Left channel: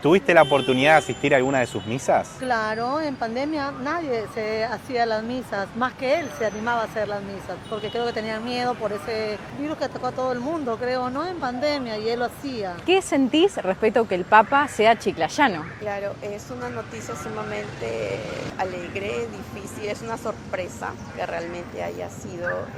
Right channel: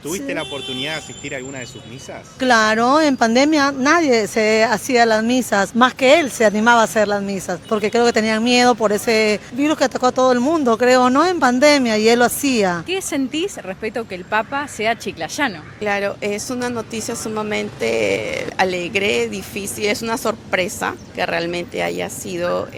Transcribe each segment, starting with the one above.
¿Tuviste la oportunidad de asistir a alguna de sus misas? Claro, en pandemia nadie se hacía las misas, más que él se animaba a hacer las misas, porque creo que tenían miedo por ese virus que atacó a todo el mundo, creo, no en pandemia, y él lo hacía. ¿Qué sentís respecto a que el Papa sea chiclayano? Claro, es una noticia sumamente alegre, difícil, es una sorpresa que realmente haya sido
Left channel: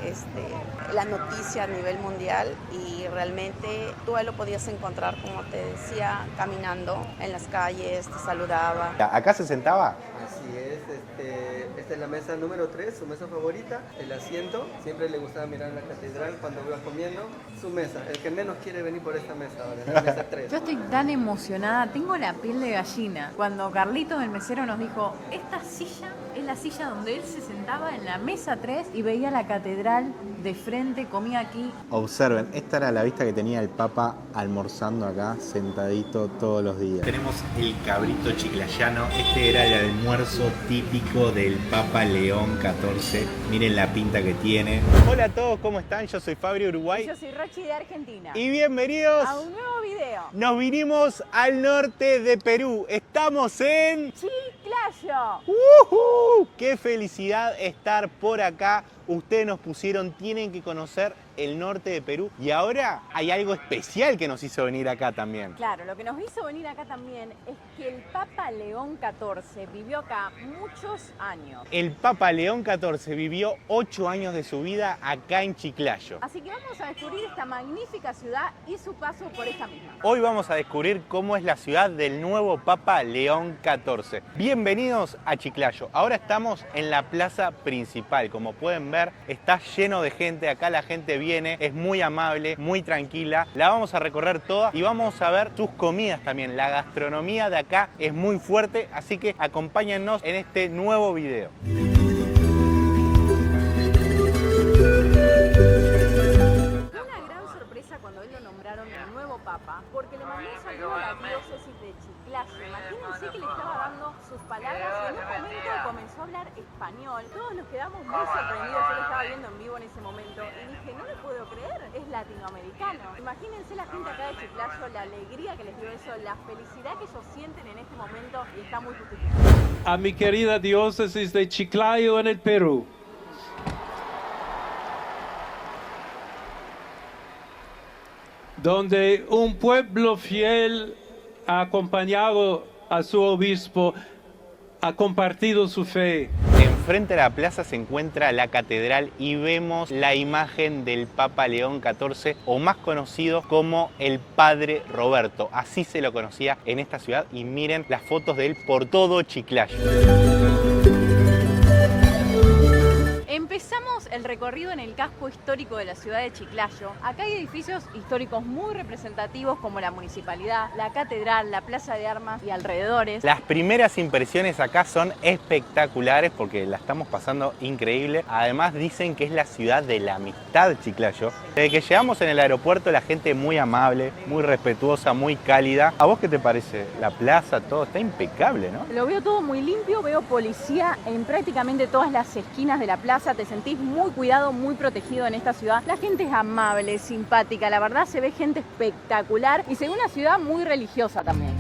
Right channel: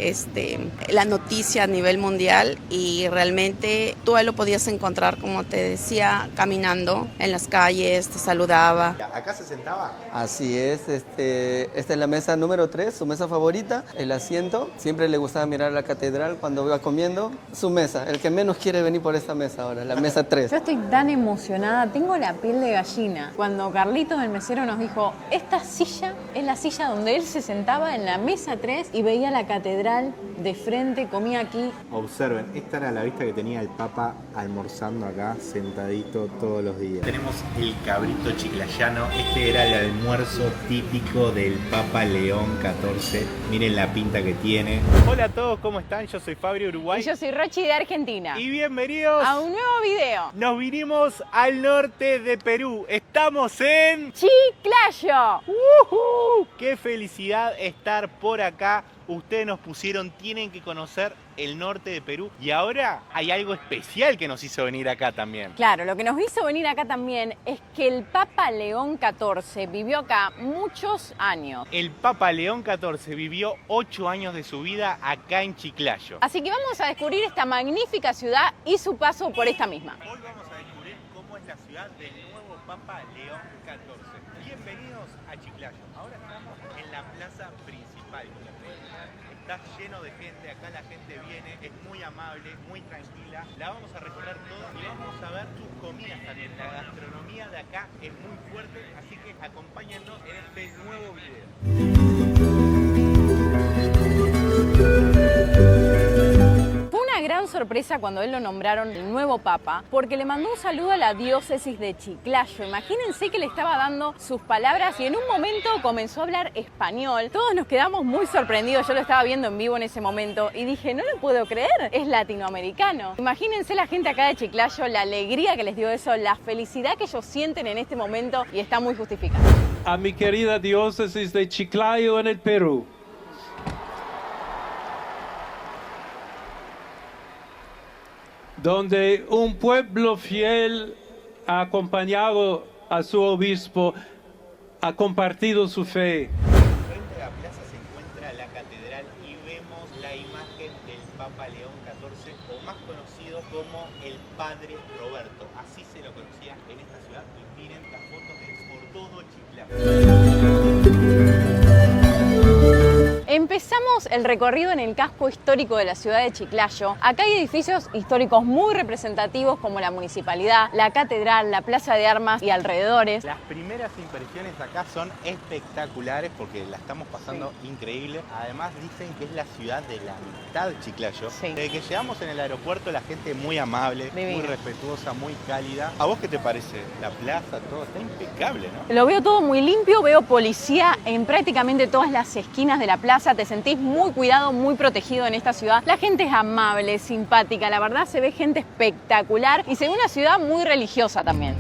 la noticia a nivel mundial y realmente tú lo podías encontrar, como te decía, caminando en las calles, te saludaba. ¿Acá se sentaba? Así es, esta es la mesa número 3, su mesa favorita, el asiento. Siempre le gustaba mirar la catedral cuando iba comiendo. Su mesa, el que menos quiere venir por esta mesa ahora, la mesa 3. Yo estoy tan emocionada, tengo la piel de gallina. Cuando Carlitos, el mesero, nos dijo, esta silla es la silla donde él se sentaba en la mesa 3 y veía la catedral de frente, comía aquí. Observen, esta era la vista que tenía el Papa almorzando acá, sentadito todos los días. Tenemos el cabrito chiclayano. Este era el almuerzo típico del Papa León XIV. Miren la pinta que tiene. Hola a todos, ¿cómo están? Yo soy Fabri Uruguay. Yo soy Rochi de Argentina. Y bienvenidos A un nuevo video. Nos vinimos al norte de Perú. Estamos en Chiclayo. ¡Uhú! ¡Qué felicidad estar por acá! Ustedes nos pusieron, tienen que conocer el norte de Perú. Y ahora hay algo especial que nos hizo venir acá también. Claro, lo que nos hizo venir acá también es que el Papa León XIV vivió acá muchos años. El Papa León XIV vivió 8 años de su vida acá en Chiclayo. Así que vamos a descubrir esta magnífica ciudad y su paso por esta misma. Hoy vamos a descubrir cómo es la ciudad del nuevo Papa León XIV. Bienvenidos a Chiclayo. Ahora estamos en la plaza principal. Como pueden ver, está lleno de gente. Acá la gente viene, es muy amable, muy tranquila. La vamos a recorrer toda y vamos a ver sus comidas también. La gastronomía de acá es muy fuerte, así que acompáñennos en este nuevo video. Sorpresa cuando él lo nombraron el nuevo Papa, porque le mandó un saludo a la diócesis de Chiclayo. Imagínense que le estaba dando sus palabras y en un momento comenzó a hablar español. Todos nos quedamos muy sorprendidos, yo lo estaba viendo en vivo en ese momento y dije, no lo puedo creer, es latinoamericano. Imagínense la gente acá de Chiclayo, la alegría que les dio eso, la felicidad que ellos sienten en este momento y está muy justificado. A mi querida diócesis de Chiclayo en el Perú. Donde un pueblo fiel ha acompañado a su obispo, ha compartido su fe. Frente a la plaza se encuentra la catedral y vemos la imagen del Papa León XIV, o más conocido como el Padre Roberto. Así se lo conocía en esta ciudad y miren las fotos de él por todo Chiclayo. Empezamos el recorrido en el casco histórico de la ciudad de Chiclayo. Acá hay edificios históricos muy representativos como la municipalidad, la catedral, la plaza de armas y alrededores. Las primeras impresiones acá son espectaculares porque la estamos pasando increíble. Además dicen que es la ciudad de la amistad, Chiclayo. Sí. Desde que llegamos en el aeropuerto la gente muy amable, Divino. muy respetuosa, muy cálida. ¿A vos qué te parece? La plaza, todo está impecable, ¿no? Lo veo todo muy limpio, veo policía en prácticamente todas las esquinas de la plaza. Te sentís muy cuidado, muy protegido en esta ciudad. La gente es amable, simpática, la verdad se ve gente espectacular y se ve una ciudad muy religiosa también.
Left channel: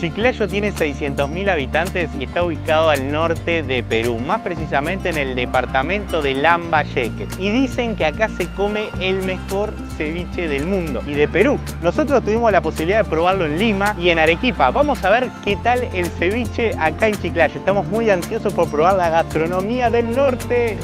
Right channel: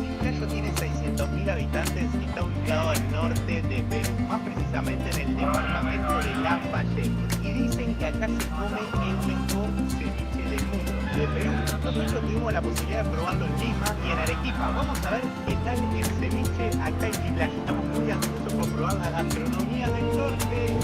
Chiclayo tiene 600.000 habitantes y está ubicado al norte de Perú, más precisamente en el departamento de Lambayeque. Y dicen que acá se come el mejor ceviche del mundo y de Perú. Nosotros tuvimos la posibilidad de probarlo en Lima y en Arequipa. Vamos a ver qué tal el ceviche acá en Chiclayo. Estamos muy ansiosos por probar la gastronomía del norte.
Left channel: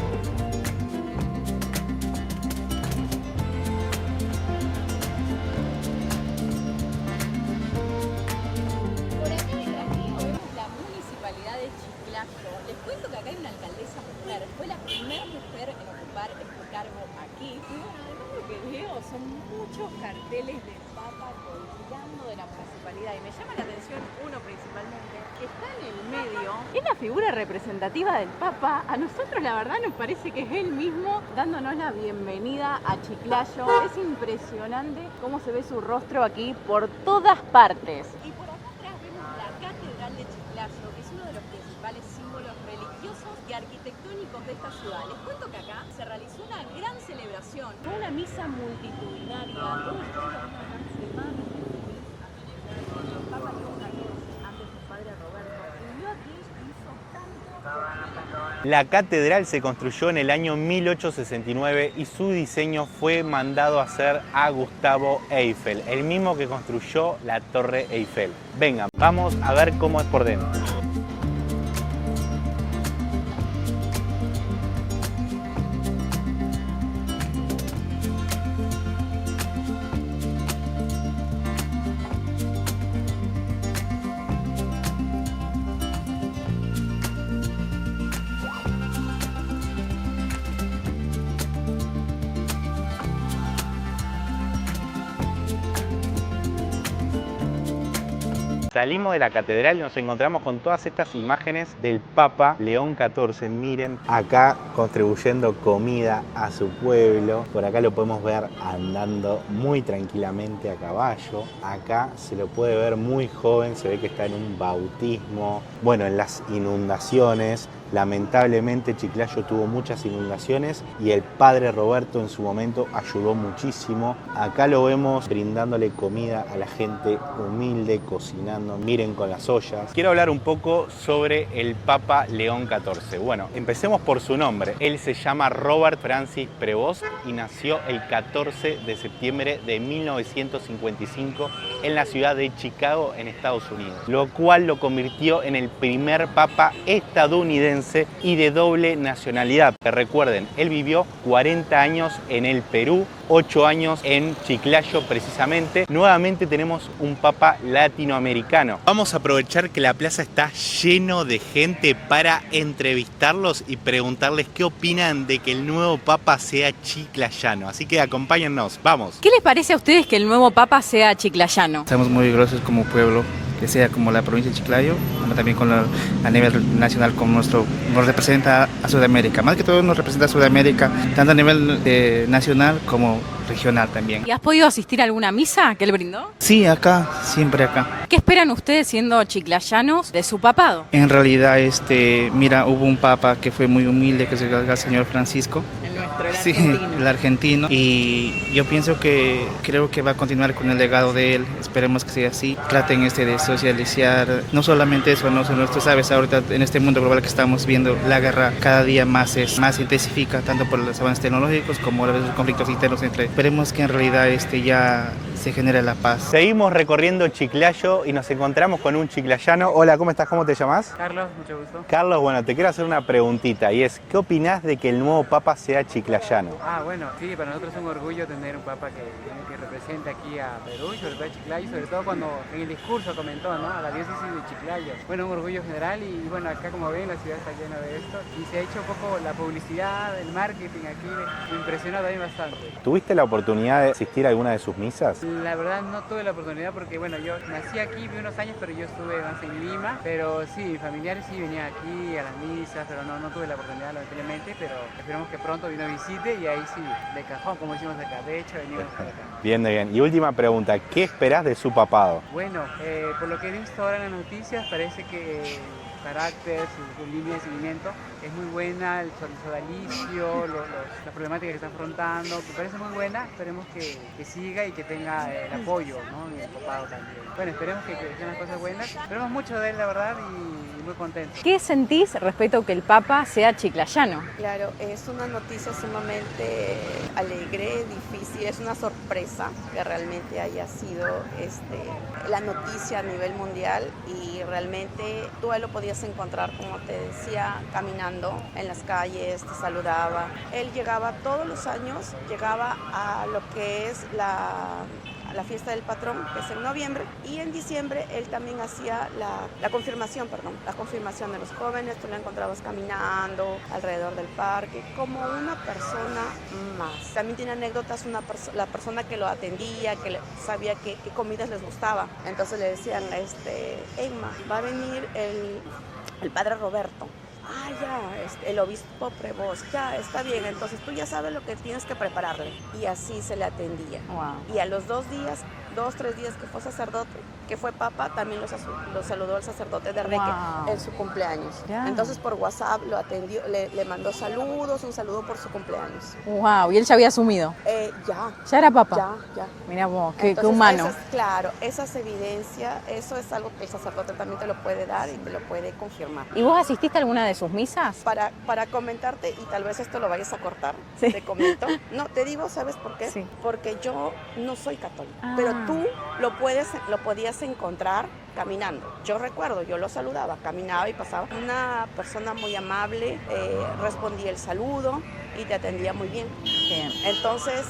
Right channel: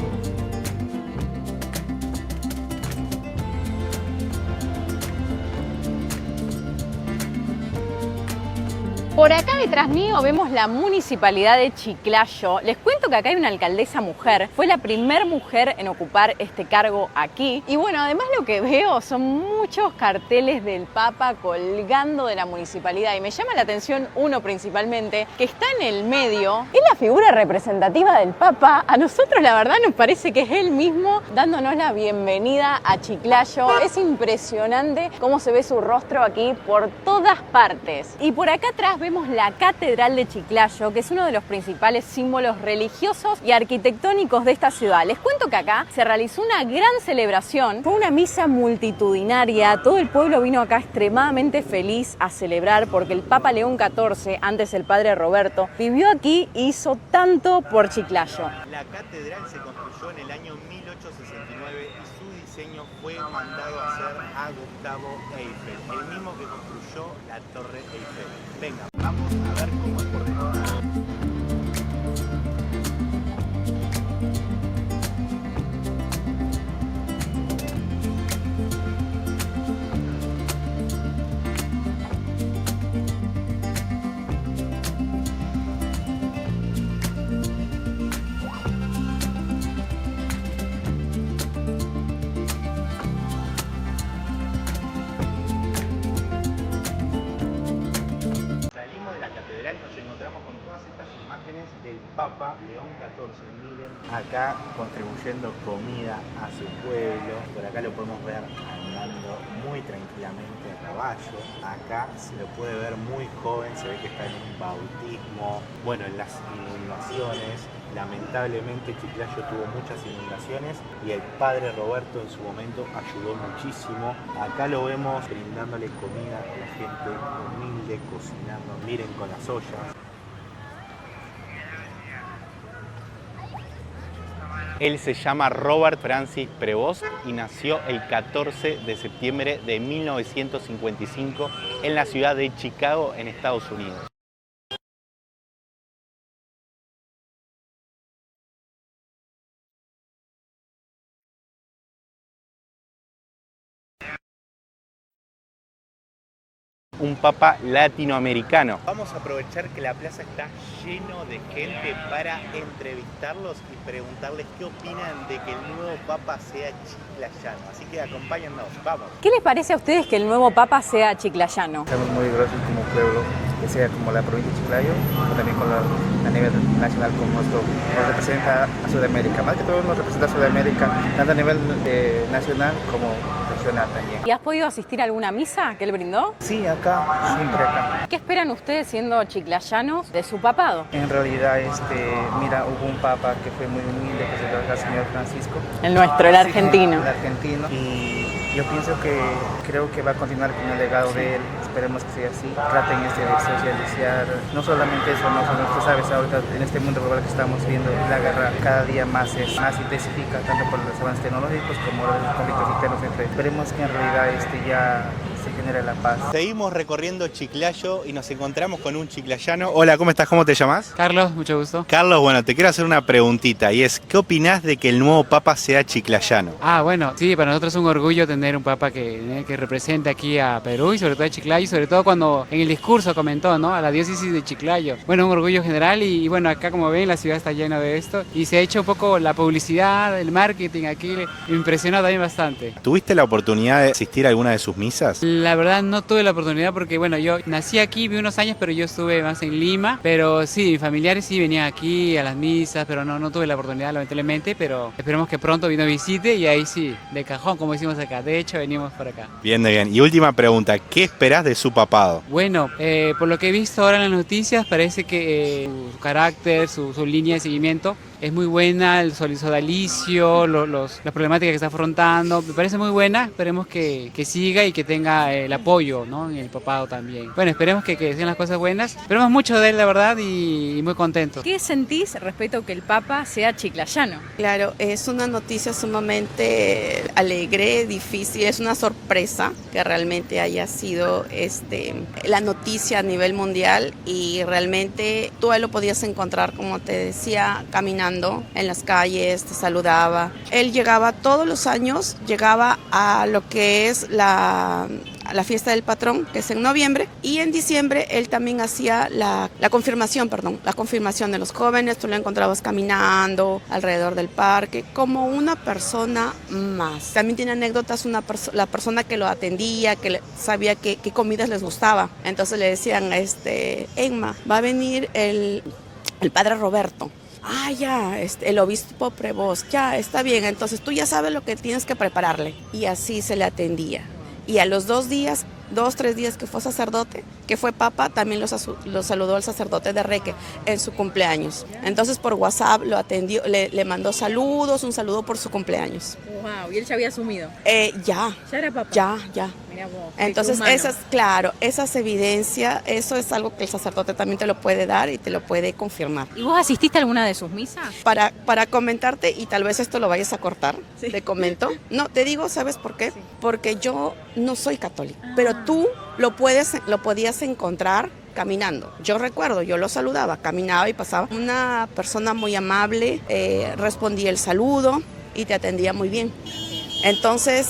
Por acá detrás mío vemos la municipalidad de Chiclayo. Les cuento que acá hay una alcaldesa mujer. Fue la primera mujer en ocupar este cargo aquí. Y bueno, además lo que veo son muchos carteles del Papa colgando de la municipalidad. Y me llama la atención uno principalmente, que está en el medio. Es la figura representativa del Papa. A nosotros la verdad nos parece que es él mismo dándonos la bienvenida a Chiclayo. Es impresionante cómo se ve su rostro aquí por todas partes. Y por acá atrás vemos la Catedral de Chiclayo, que es uno de los principales símbolos religiosos y arquitectónicos de esta ciudad. Les cuento que acá se realizó una gran celebración, fue una misa multitudinaria, todo el pueblo vino acá extremadamente feliz a celebrar porque el Papa León XIV, antes el padre Roberto, vivió aquí e hizo tanto por Chiclayo. La catedral se construyó en el año 1869 y su diseño fue mandado a hacer a Gustavo Eiffel, el mismo que construyó la Torre Eiffel. Venga, vamos a ver cómo es por dentro. Salimos de la catedral y nos encontramos con todas estas imágenes del Papa León XIV. Miren, acá contribuyendo comida a su pueblo. Por acá lo podemos ver andando muy tranquilamente a caballo. Acá se lo puede ver muy joven, se ve que está en un bautismo. Bueno, en las inundaciones, lamentablemente Chiclayo tuvo muchas inundaciones y el padre Roberto en su momento ayudó muchísimo. Acá lo vemos brindándole comida a la gente humilde, cocinando. Miren con las ollas. Quiero hablar un poco sobre el Papa León XIV. Bueno, empecemos por su nombre. Él se llama Robert Francis Prevost y nació el 14 de septiembre de 1955 en la ciudad de Chicago, en Estados Unidos, lo cual lo convirtió en el primer papa estadounidense y de doble nacionalidad. Que recuerden, él vivió 40 años en el Perú, 8 años en Chiclayo precisamente. Nuevamente tenemos un papa latinoamericano. Vamos a aprovechar que la plaza está lleno de gente para entrevistarlos y preguntarles qué opinan de que el nuevo papa sea chiclayano. Así que acompáñennos, vamos. ¿Qué les parece a ustedes que el nuevo papa sea chiclayano? Estamos muy orgullosos como pueblo, que sea como la provincia de Chiclayo, como también a nivel nacional como nos representa a Sudamérica. Más que todo nos representa a Sudamérica, tanto a nivel nacional como regional también. ¿Y has podido asistir a alguna misa que él brindó? Sí, acá, siempre acá. ¿Qué esperan ustedes siendo chiclayanos de su papado? En realidad, mira, hubo un papa que fue muy humilde, que es el señor Francisco. El nuestro, el argentino. Sí, el argentino. Y yo pienso que creo que va a continuar con el legado de él. Esperemos que sea así. Traten de socializar. No solamente eso, no solo esto, sabes, ahorita en este mundo global que estamos viendo, la guerra cada día más intensifica, tanto por los avances tecnológicos como los conflictos internos entre. Esperemos que en realidad ya se genere la paz. Seguimos recorriendo Chiclayo y nos encontramos con un chiclayano. Hola, ¿cómo estás? ¿Cómo te llamas? Carlos, mucho gusto. Carlos, bueno, te quiero hacer una preguntita y es, ¿qué opinás de que el nuevo papa sea chiclayano? Bueno, sí, para nosotros es un orgullo tener un papa que represente aquí a Perú y sobre todo a Chiclayo, y sobre todo cuando en el discurso comentó, ¿no?, a la diócesis de Chiclayo. Bueno, un orgullo general y bueno, acá como ven la ciudad está llena de esto y se ha hecho un poco la publicidad, el marketing aquí, me impresionó también bastante. ¿Tuviste la oportunidad de asistir a alguna de sus misas? La verdad no tuve la oportunidad porque bueno, yo nací aquí, viví unos años, pero yo estuve más en Lima, pero sí, mis familiares sí venían aquí a las misas, pero no tuve la oportunidad lamentablemente, pero esperemos que pronto vino visite y ahí sí, de cajón como decimos acá, de hecho venimos por acá. Bien, bien. Y última pregunta, ¿qué esperás de su papado? Bueno, por lo que he visto ahora en las noticias parece que su carácter, su línea de seguimiento es muy buena, el sodalicio, la problemática que está afrontando, me parece muy buena, esperemos que siga y que tenga el apoyo, ¿no?, en el papado también. Bueno, esperemos que sean las cosas buenas, esperemos mucho de él la verdad y muy contentos. ¿Qué sentís respecto a que el papa sea chiclayano? Claro, es una noticia sumamente alegre, difícil, es una sorpresa que realmente haya sido la noticia a nivel mundial y realmente tú ahí lo podías encontrar, como te decía, caminando en las calles, te saludaba. Él llegaba todos los años, llegaba a lo que es la fiesta del patrón, que es en noviembre, y en diciembre él también hacía la confirmación de los jóvenes. Tú lo encontrabas caminando alrededor del parque como una persona más. También tiene anécdotas, la persona que lo atendía, que sabía qué comidas les gustaba. Entonces le decían, Emma, va a venir el padre Roberto. Ya, el obispo Prevost, ya, está bien, entonces tú ya sabes lo que tienes que prepararle. Y así se le atendía. Wow. Y a los 2, 3 días que fue sacerdote, que fue papa, también lo saludó el sacerdote de Reque en su cumpleaños. Entonces por WhatsApp lo atendió, le mandó saludos, un saludo por su cumpleaños. Wow, ¿y él ya había asumido? Ya ¿Ya era papa? Ya. Mira vos, Entonces, humano. esas evidencias, eso es algo que el sacerdote también te lo puede dar y te lo puede confirmar. ¿Y vos asististe a alguna de sus misas? Para comentarte, y tal vez esto lo vayas a cortar, Sí. te comento. No, te digo, ¿sabes por qué? Sí. Porque yo no soy católica, pero tú lo podías encontrar caminando. Yo recuerdo, yo lo saludaba, caminaba y pasaba. Una persona muy amable, respondía el saludo y te atendía muy bien. Bien. Entonces,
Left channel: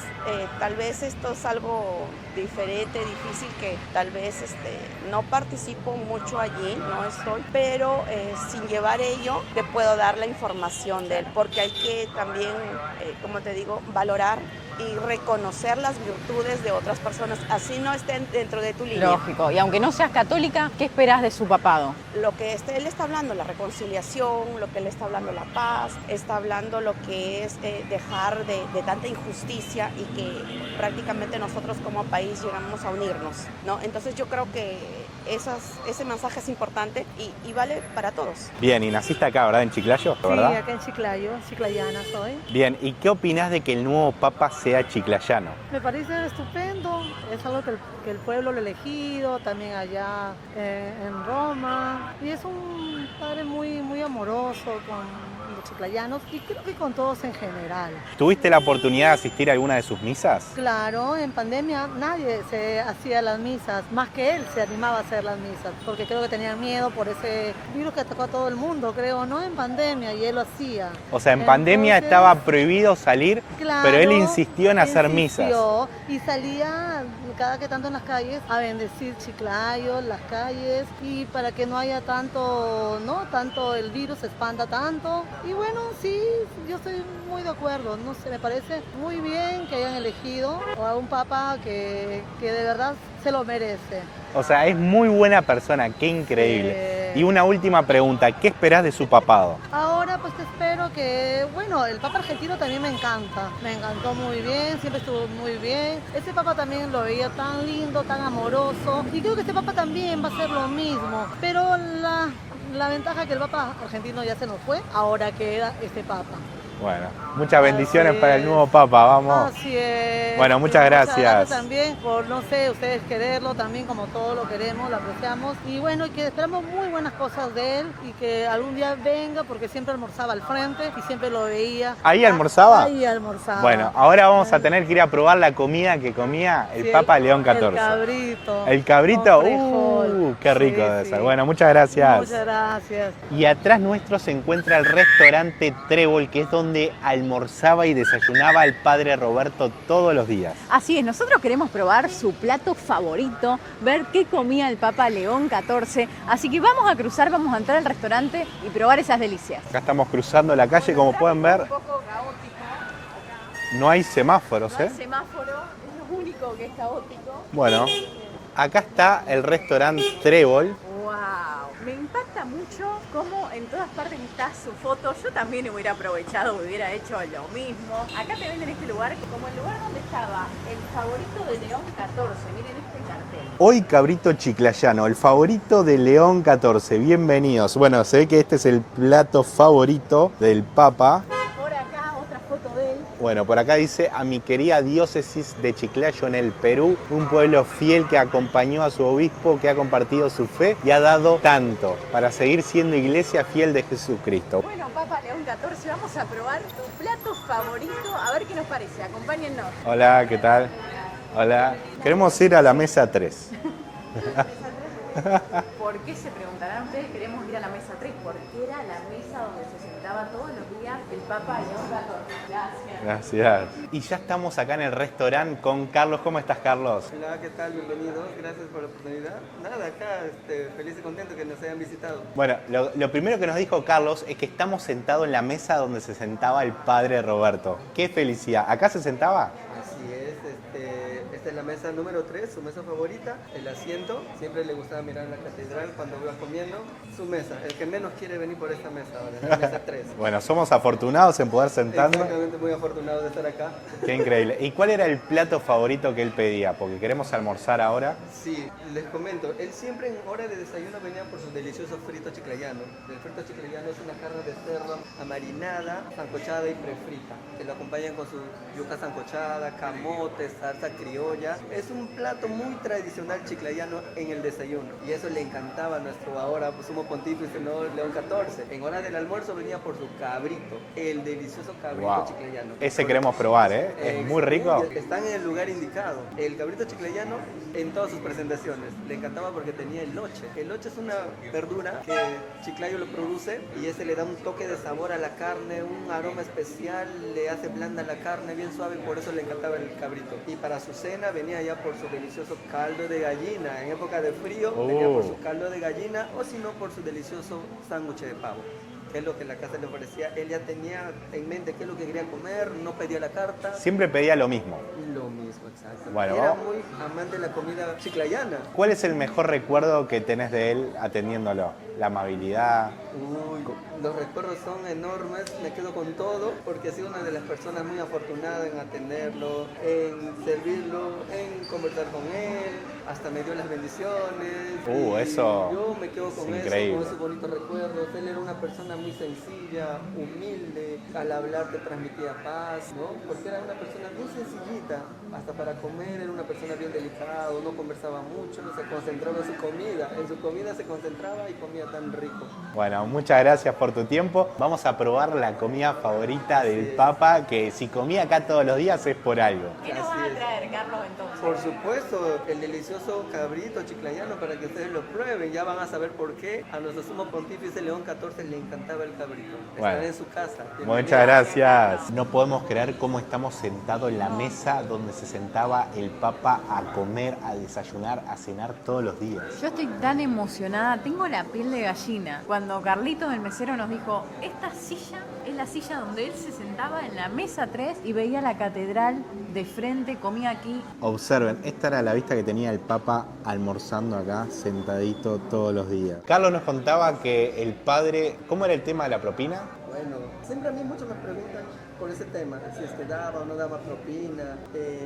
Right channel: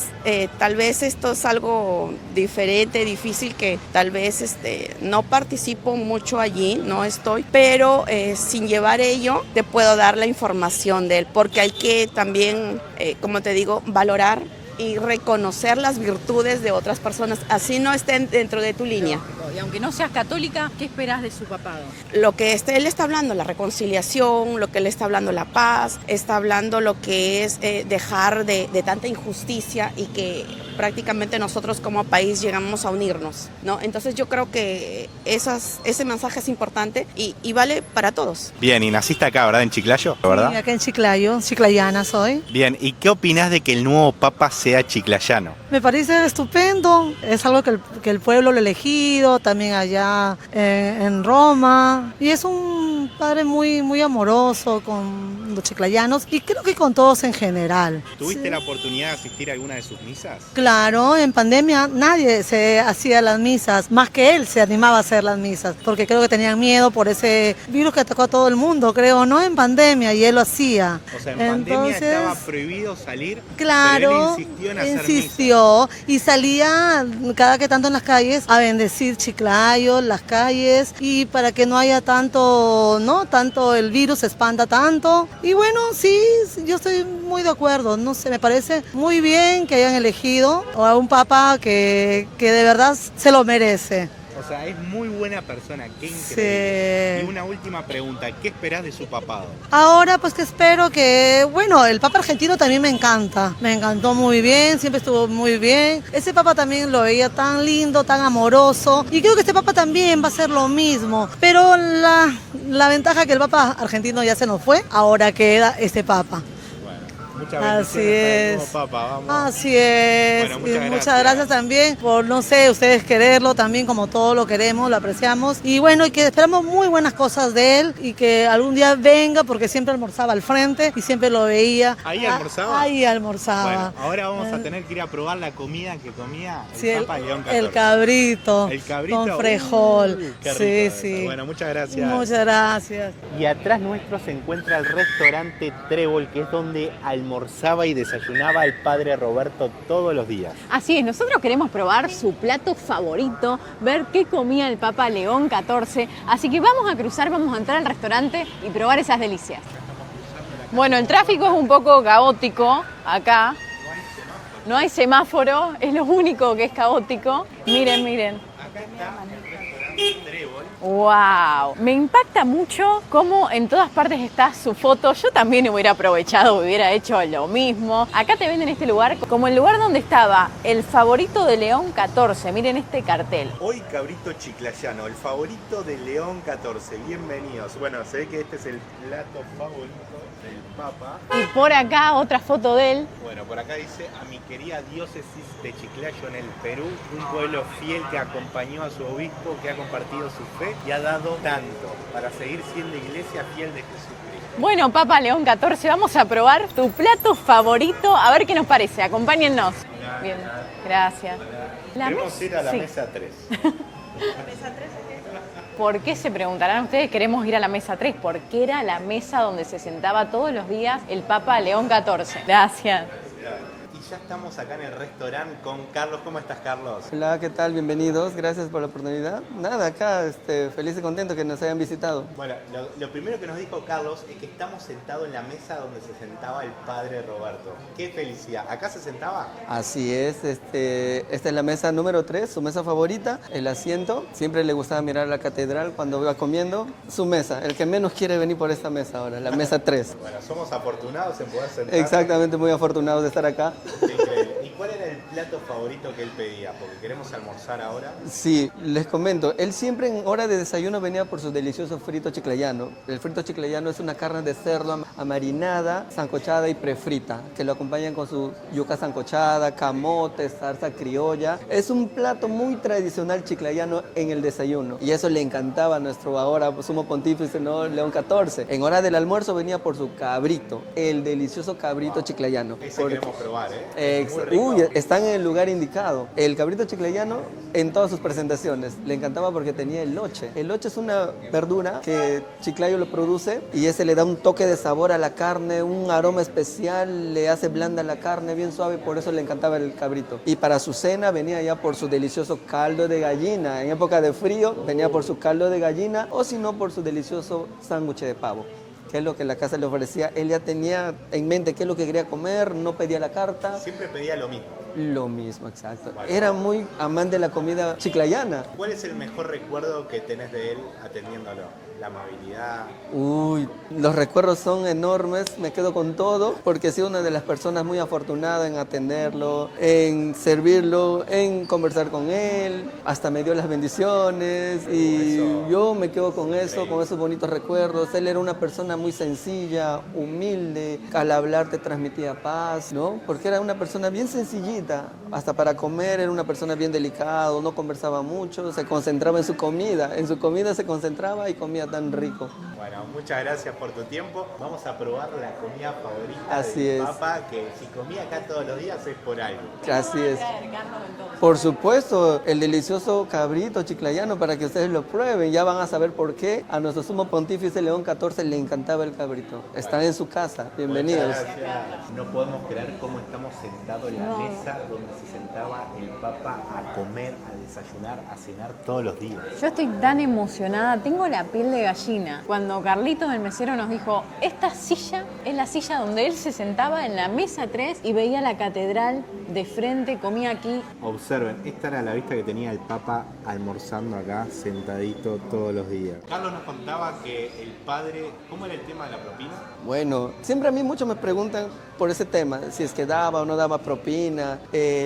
tal vez esto es algo diferente, difícil, que tal vez no participo mucho allí, no estoy, pero sin llevar ello te puedo dar la información de él, porque hay que también, como te digo, valorar y reconocer las virtudes de otras personas, así no estén dentro de tu línea. Lógico. Y aunque no seas católica, ¿qué esperas de su papado? Lo que él está hablando, la reconciliación, lo que él está hablando, la paz, está hablando lo que es dejar de tanta injusticia y que prácticamente nosotros como país llegamos a unirnos, ¿no? Entonces yo creo que ese mensaje es importante y vale para todos. Bien, y naciste acá, ¿verdad? En Chiclayo, ¿verdad? Sí, acá en Chiclayo, chiclayana soy. Bien, ¿y qué opinás de que el nuevo papa sea chiclayano? Me parece estupendo, es algo que el pueblo lo ha elegido, también allá en Roma, y es un padre muy, muy amoroso con los chiclayanos y creo que con todos en general. ¿Tuviste la oportunidad de asistir a alguna de sus misas? Claro, en pandemia nadie se hacía las misas, más que él se animaba a hacer las misas, porque creo que tenían miedo por ese virus que atacó a todo el mundo, creo, ¿no? En pandemia, y él lo hacía. O sea, en pandemia Entonces, estaba prohibido salir, claro, pero él insistió en hacer insistió y salía cada que tanto en las calles a bendecir Chiclayo, las calles, y para que no haya tanto, ¿no? Tanto el virus se expanda tanto. Y bueno, sí, yo estoy muy de acuerdo, no sé, me parece muy bien que hayan elegido a un papa que de verdad se lo merece. O sea, es muy buena persona, qué increíble. Sí. Y una última pregunta, ¿qué esperás de su papado? Ahora pues que espero que, bueno, el Papa argentino también me encanta, me encantó muy bien, siempre estuvo muy bien. Ese Papa también lo veía tan lindo, tan amoroso, y creo que este Papa también va a ser lo mismo, pero la ventaja es que el Papa argentino ya se nos fue, ahora queda este Papa. Bueno, muchas bendiciones Así para el es. nuevo papa, vamos. Así es. Bueno, Y muchas gracias. Muchas gracias también por, no sé, ustedes quererlo también como todos lo queremos, lo apreciamos. Y bueno, y que esperamos muy buenas cosas de él y que algún día venga porque siempre almorzaba al frente y siempre lo veía. ¿Ahí almorzaba? Ahí almorzaba. Bueno, ahora vamos a tener que ir a probar la comida que comía el Sí, Papa León XIV. El cabrito. ¿El cabrito? Con frejol. Qué rico Sí, debe sí. ser. Bueno, muchas gracias. Muchas gracias. Y atrás nuestro se encuentra el restaurante Trébol, que es donde almorzaba y desayunaba el padre Roberto todos los días. Así es, nosotros queremos probar su plato favorito, ver qué comía el Papa León XIV. Así que vamos a cruzar, vamos a entrar al restaurante y probar esas delicias. Acá estamos cruzando la calle. Bueno, el como tráfico pueden es un ver, poco caótico acá. No hay semáforos. No hay ¿eh? semáforo, es lo único que es caótico. Bueno. Miren, miren. Acá está el restaurante Trébol. ¡Wow! Me impacta mucho cómo en todas partes está su foto. Yo también hubiera aprovechado, hubiera hecho lo mismo. Acá te venden este lugar como el lugar donde estaba el favorito de León XIV. Miren este cartel. Hoy cabrito chiclayano, el favorito de León XIV. Bienvenidos. Bueno, se ve que este es el plato favorito del Papa. Y por acá otra foto de él. Bueno, por acá dice: a mi querida diócesis de Chiclayo en el Perú, un pueblo fiel que acompañó a su obispo, que ha compartido su fe y ha dado tanto para seguir siendo iglesia fiel de Jesucristo. Bueno, Papa León XIV, vamos a probar tu plato favorito. A ver qué nos parece. Acompáñennos. Hola, Bien. ¿qué tal? Gracias. Hola. La Queremos mesa- ir a la sí. mesa 3. ¿Por qué se preguntarán ustedes? Queremos ir a la mesa 3, porque era la mesa donde se sentaba todos los días el Papa León XIV. Gracias. Gracias. Y ya estamos acá en el restaurante con Carlos. ¿Cómo estás, Carlos? Hola, ¿qué tal? Bienvenidos, gracias por la oportunidad. Nada, acá feliz y contento que nos hayan visitado. Bueno, lo primero que nos dijo Carlos es que estamos sentados en la mesa donde se sentaba el padre Roberto. ¡Qué felicidad! ¿Acá se sentaba? Así es, esta es la mesa número 3, su mesa favorita, el asiento. Siempre le gustaba mirar la catedral cuando iba comiendo. Su mesa, el que menos quiere venir por esta mesa ahora, la mesa 3. Bueno, somos afortunados en poder sentarnos. Exactamente, muy afortunados de estar acá. Qué increíble. ¿Y cuál era el plato favorito que él pedía? Porque queremos almorzar ahora. Sí, les comento, él siempre en hora de desayuno venía por su delicioso frito chiclayano. El frito chiclayano es una carne de cerdo amarinada, sancochada y prefrita, que lo acompañan con su yuca sancochada, camote, salsa criolla. Es un plato muy tradicional chiclayano en el desayuno y eso le encantaba a nuestro ahora sumo pontífice, ¿no? León XIV. En hora del almuerzo venía por su cabrito, el delicioso cabrito chiclayano. Ese queremos probar, ¿eh? Es muy rico. Están en el lugar indicado. El cabrito chiclayano en todas sus presentaciones. Le encantaba porque tenía eloche. Eloche es una verdura que Chiclayo lo produce y ese le da un toque de sabor a la carne, un aroma especial, le hace blanda la carne, bien suave, por eso le encantaba el cabrito. Y para su cena venía ya por su delicioso caldo de gallina. En época de frío venía por su caldo de gallina o si no por su delicioso sándwich de pavo, que es lo que la casa le ofrecía. Él ya tenía en mente qué es lo que quería comer, no pedía la carta. Siempre pedía lo mismo. Lo mismo, exacto. Bueno. Era muy amante de la comida chiclayana. ¿Cuál es el mejor recuerdo que tenés de él atendiéndolo? La amabilidad. Uy, los recuerdos son enormes, me quedo con todo, porque he sido una de las personas muy afortunadas en atenderlo, en servirlo, en conversar con él, hasta me dio las bendiciones y eso yo me quedo con eso, increíble. con esos bonitos recuerdos. Él era una persona muy sencilla, humilde, al hablar te transmitía paz, ¿no? Porque era una persona bien sencillita, hasta para comer era una persona bien delicada, no conversaba mucho, se concentraba en su comida se concentraba y comía tan rico. Bueno, muchas gracias por tu tiempo. Vamos a probar la comida favorita Así del es. Papa, que si comía acá todos los días es por algo. Así es. Por supuesto, el delicioso cabrito chiclayano para que ustedes lo prueben. Ya van a saber por qué a nuestro sumo pontífice León XIV le encantaba el cabrito. Está Bueno. en su casa. Bienvenidos. Muchas gracias. No podemos creer cómo estamos sentados en la mesa donde se sentaba el Papa a comer, a desayunar, a cenar todos los días. Yo estoy tan emocionada, tengo la piel de gallina. Cuando Carlitos, el mesero, nos dijo, esta silla es la silla donde él se sentaba en la mesa 3 y veía la catedral de frente, comía aquí. Observen, esta era la vista que tenía el Papa almorzando acá, sentadito todos los días. Carlos nos contaba que el padre, ¿cómo era el tema de la propina? Bueno, siempre a mí muchos me preguntan por ese tema, si es que daba o no daba propina.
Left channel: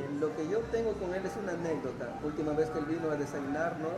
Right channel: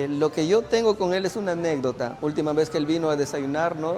Lo que yo tengo con él es una anécdota. Última vez que él vino a desayunar, ¿no?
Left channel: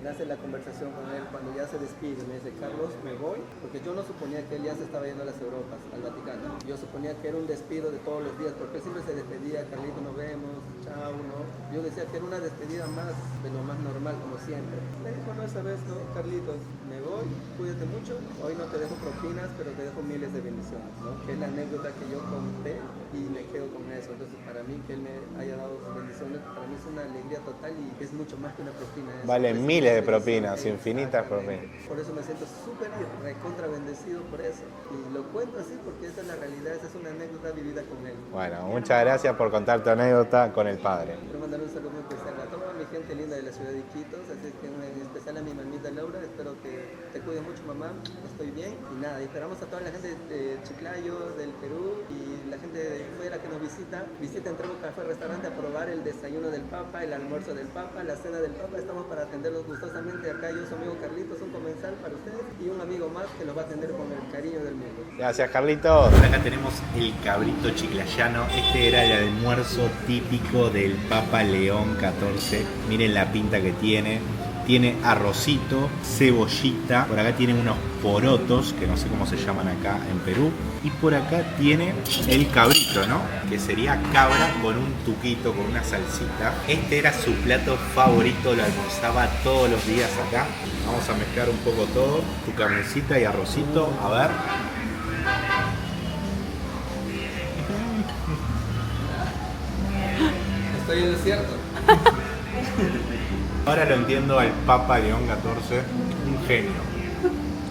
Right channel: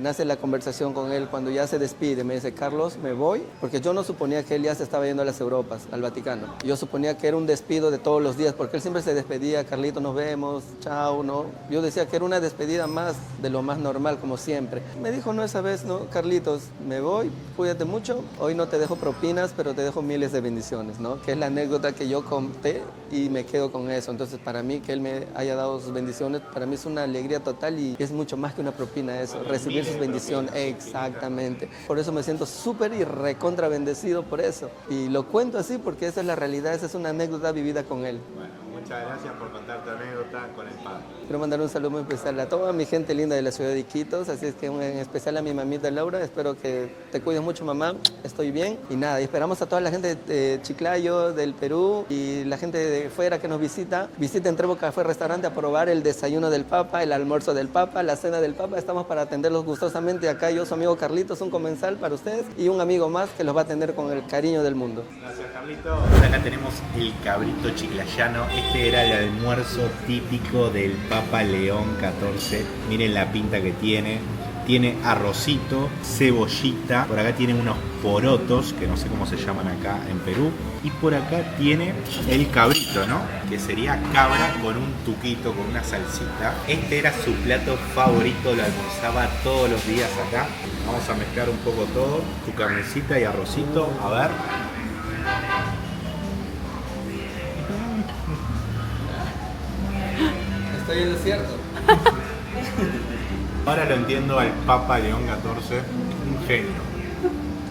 Nace la conversación con él cuando ya se despide. Me dice, Carlos, me voy, porque yo no suponía que él ya se estaba yendo a las Europas, al Vaticano. Yo suponía que era un despido de todos los días, porque él siempre se despedía, Carlito, nos vemos, chao, ¿no? Yo decía que era una despedida más de lo más normal, como siempre. Me dijo, no, esa vez, no, Carlitos, me voy, cuídate mucho, hoy no te dejo propinas, pero te dejo miles de bendiciones, ¿no? Que es la anécdota que yo conté y me quedo con eso. Entonces, para mí, que él me haya dado sus bendiciones, para mí es una alegría total y es mucho más que una propina eso. Vale, recibir miles sus de bendiciones. propinas, infinitas Exactamente. propinas. Por eso me siento súper y recontra bendecido por eso. Y lo cuento así porque esa es la realidad, esa es una anécdota vivida con él. Bueno, muchas gracias por contar tu anécdota con el padre. Quiero mandar un saludo muy especial a toda mi gente linda de la ciudad de Iquitos, así es que en especial a mi mamita Laura, espero que te cuides mucho, mamá, estoy bien. Y nada, y esperamos a toda la gente de Chiclayo, del Perú y la gente de fuera que nos visita. Visiten Trevo Café Restaurante a probar el desayuno del Papa, el almuerzo del Papa, la cena del Papa. Estamos para atenderlos gustosamente. Acá yo, su amigo Carlitos, un comensal para ustedes y un amigo más que los va a atender con el cariño del mundo. Gracias, Carlitos. Acá tenemos el cabrito chiclayano. Este era el almuerzo típico del Papa León XIV. Miren la pinta que tiene. Tiene arrocito, cebollita, por acá tiene unos porotos, que no sé cómo se llaman acá en Perú, y por acá tiene el cabrito, ¿no? Que sería cabra con un tuquito, con una salsita. Este era su plato favorito, lo almorzaba todos los días acá. Vamos a mezclar un poco todo, su carnecita y arrocito, a ver. Estoy en lo cierto. Ahora lo entiendo al Papa León XIV, un genio.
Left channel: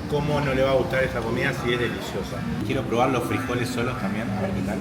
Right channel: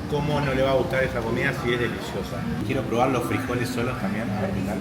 ¿Cómo no le va a gustar esta comida si es deliciosa? Quiero probar los frijoles solos también, a ver qué tal.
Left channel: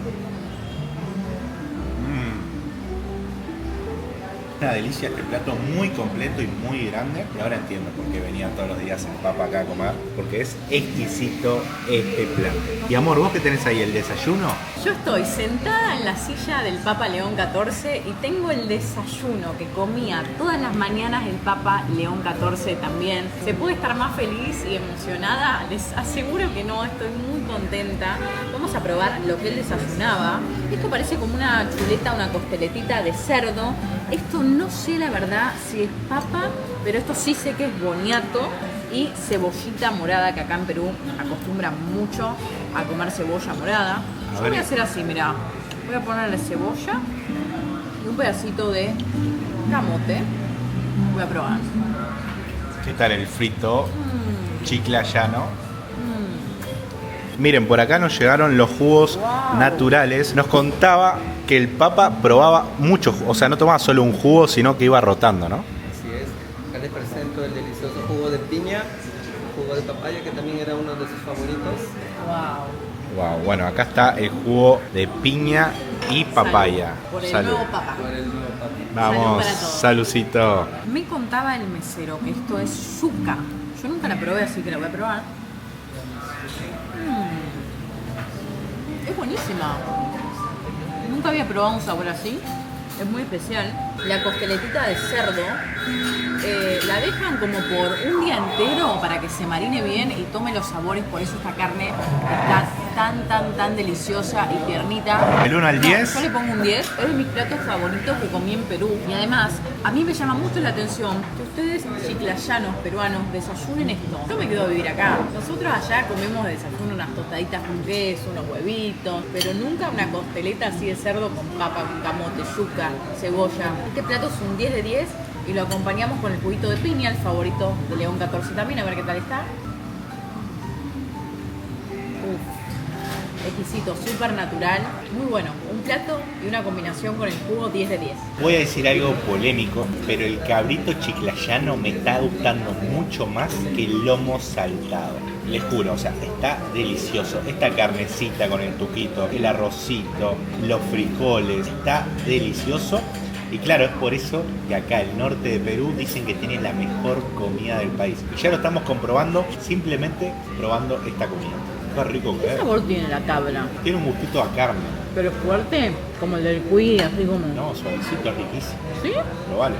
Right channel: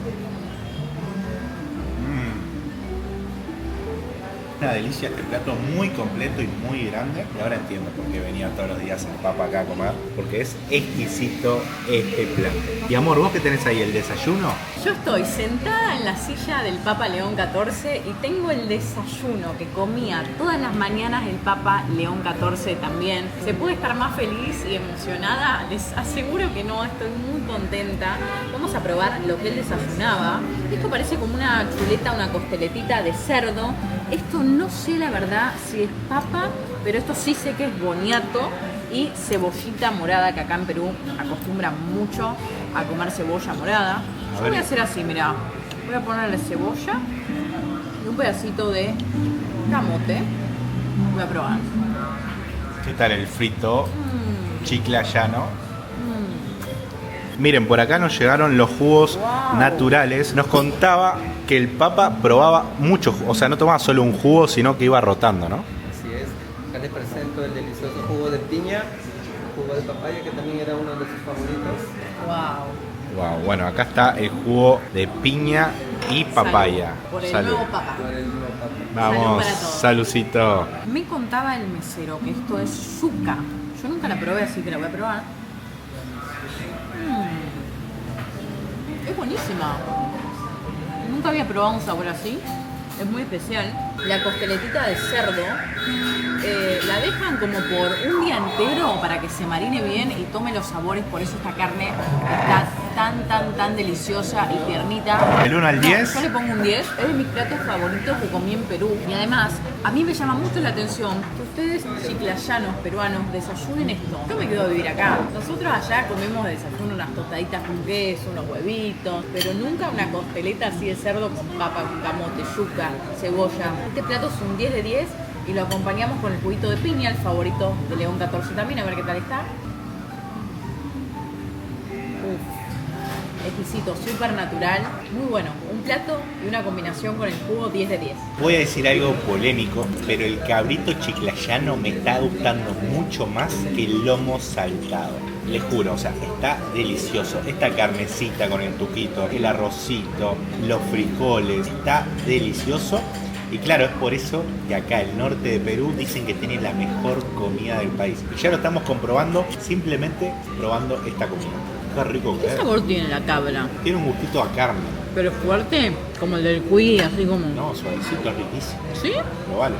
Una delicia este plato, muy completo y muy grande. Y ahora entiendo por qué venía todos los días el Papa acá a comer, porque es exquisito este plato. Y amor, ¿vos qué tenés ahí, el desayuno? Yo estoy sentada en la silla del Papa León XIV y tengo el desayuno que comía todas las mañanas el Papa León XIV también. ¿Se puede estar más feliz y emocionada? Les aseguro que no, estoy muy contenta. Vamos a probar lo que él desayunaba. Esto parece como una chuleta, una costeletita de cerdo. Esto no sé la verdad si es papa, pero esto sí sé que es boniato y cebollita morada, que acá en Perú acostumbran mucho a comer cebolla morada. Yo voy a hacer así, mirá. Voy a ponerle cebolla y un pedacito de camote. Voy a probar. ¿Qué tal el frito chiclayano? Miren, por acá nos llegaron los jugos naturales. Nos contaba que el Papa probaba mucho, o sea, no tomaba solo un jugo, sino que iba rotando, ¿no? Así es. Acá les presento el delicioso jugo de piña, jugo de papaya, que también era uno de sus favoritos. Wow, bueno, acá está el jugo de piña y papaya. Por el Salud. nuevo Papa. Vamos, Salud para todos. salucito. Me contaba el mesero que esto es yuca. Yo nunca la probé, así que la voy a probar. Es buenísima. Nunca había probado un sabor así. Es muy especial. La costeletita de cerdo la dejan como por un día entero para que se marine bien y tome los sabores. Por eso esta carne está tan deliciosa y tiernita. ¿El 1 al 10? Yo le pongo un 10. Es de mis platos favoritos que comí en Perú. Y además, a mí me llama mucho la atención que ustedes, chiclayanos peruanos, desayunen esto. Yo me quedo a vivir acá. Nosotros allá comemos de desayuno unas tostaditas con queso, unos huevitos, pero nunca una costeleta así de cerdo con papa, con camote, yuca, cebolla. Este plato es un 10 de 10 y lo acompañamos con el juguito de piña, el favorito de León XIV también, a ver qué tal está. Exquisito, súper natural, muy bueno. Un plato y una combinación con el jugo 10 de 10. Voy a decir algo polémico, pero el cabrito chiclayano me está gustando mucho más que el lomo saltado. Les juro, o sea, está delicioso. Esta carnecita con el tuquito, el arrocito, los frijoles, está delicioso. Y claro, es por eso que acá el norte de Perú dicen que tiene la mejor comida del país. Y ya lo estamos comprobando simplemente probando esta comida. Qué rico que ¿Qué es. sabor tiene la cabra? Tiene un gustito a carne. ¿Pero fuerte? Como el del cuy, así como... No, suavecito, riquísimo. ¿Sí? Probalo.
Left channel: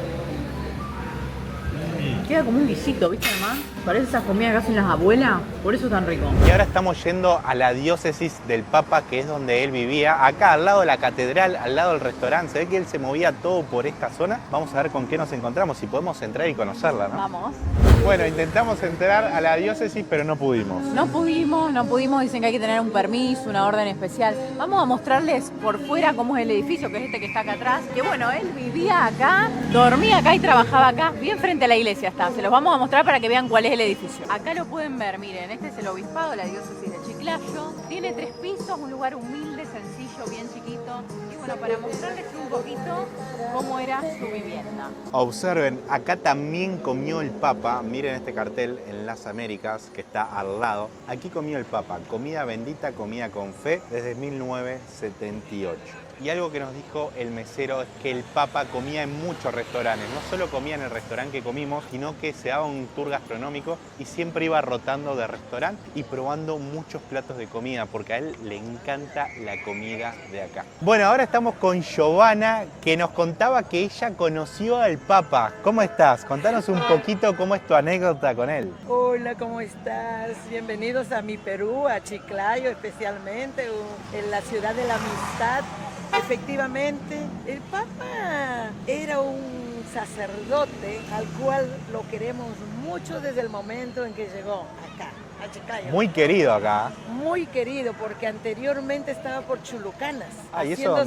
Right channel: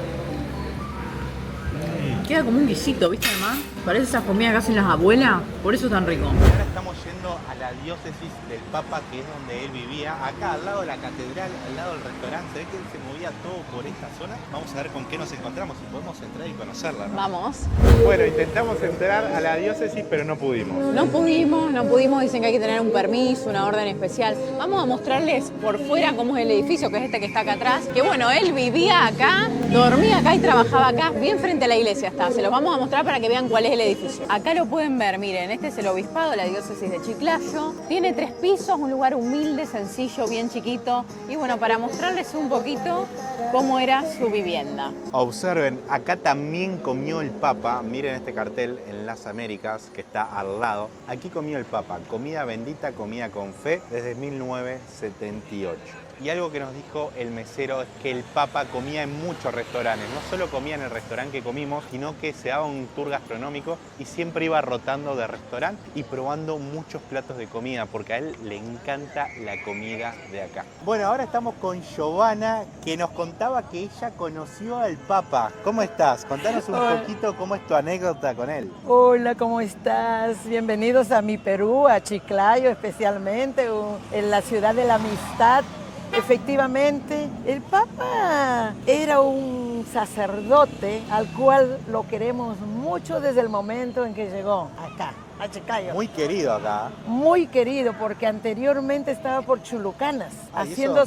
Queda como un guisito, ¿viste, mamá? Parece esas comidas que hacen las abuelas, por eso es tan rico. Y ahora estamos yendo a la diócesis del Papa, que es donde él vivía, acá al lado de la catedral, al lado del restaurante. Se ve que él se movía todo por esta zona. Vamos a ver con qué nos encontramos, si podemos entrar y conocerla, ¿no? Vamos. Bueno, intentamos entrar a la diócesis, pero no pudimos. No pudimos, dicen que hay que tener un permiso, una orden especial. Vamos a mostrarles por fuera cómo es el edificio, que es este que está acá atrás. Que bueno, él vivía acá, dormía acá y trabajaba acá, bien frente a la iglesia está. Se los vamos a mostrar para que vean cuál es el edificio. Acá lo pueden ver, miren, este es el obispado, la diócesis de Chiclayo. Tiene 3 pisos, un lugar humilde, sencillo, bien chiquito. Y bueno, para mostrarles un poquito cómo era su vivienda. Observen, acá también comió el Papa. Miren este cartel en las Américas que está al lado. Aquí comió el Papa, comida bendita, comida con fe, desde 1978. Y algo que nos dijo el mesero es que el Papa comía en muchos restaurantes. No solo comía en el restaurante que comimos, sino que se daba un tour gastronómico y siempre iba rotando de restaurante y probando muchos platos de comida, porque a él le encanta la comida de acá. Bueno, ahora estamos con Giovanna, que nos contaba que ella conoció al Papa. ¿Cómo estás? Contanos un poquito cómo es tu anécdota con él. Hola, ¿cómo estás? Bienvenidos a mi Perú, a Chiclayo especialmente, en la ciudad de la amistad. Efectivamente, el Papa era un sacerdote al cual lo queremos mucho desde el momento en que llegó acá, a Chiclayo. Muy querido acá. Muy querido, porque anteriormente estaba por Chulucanas, haciendo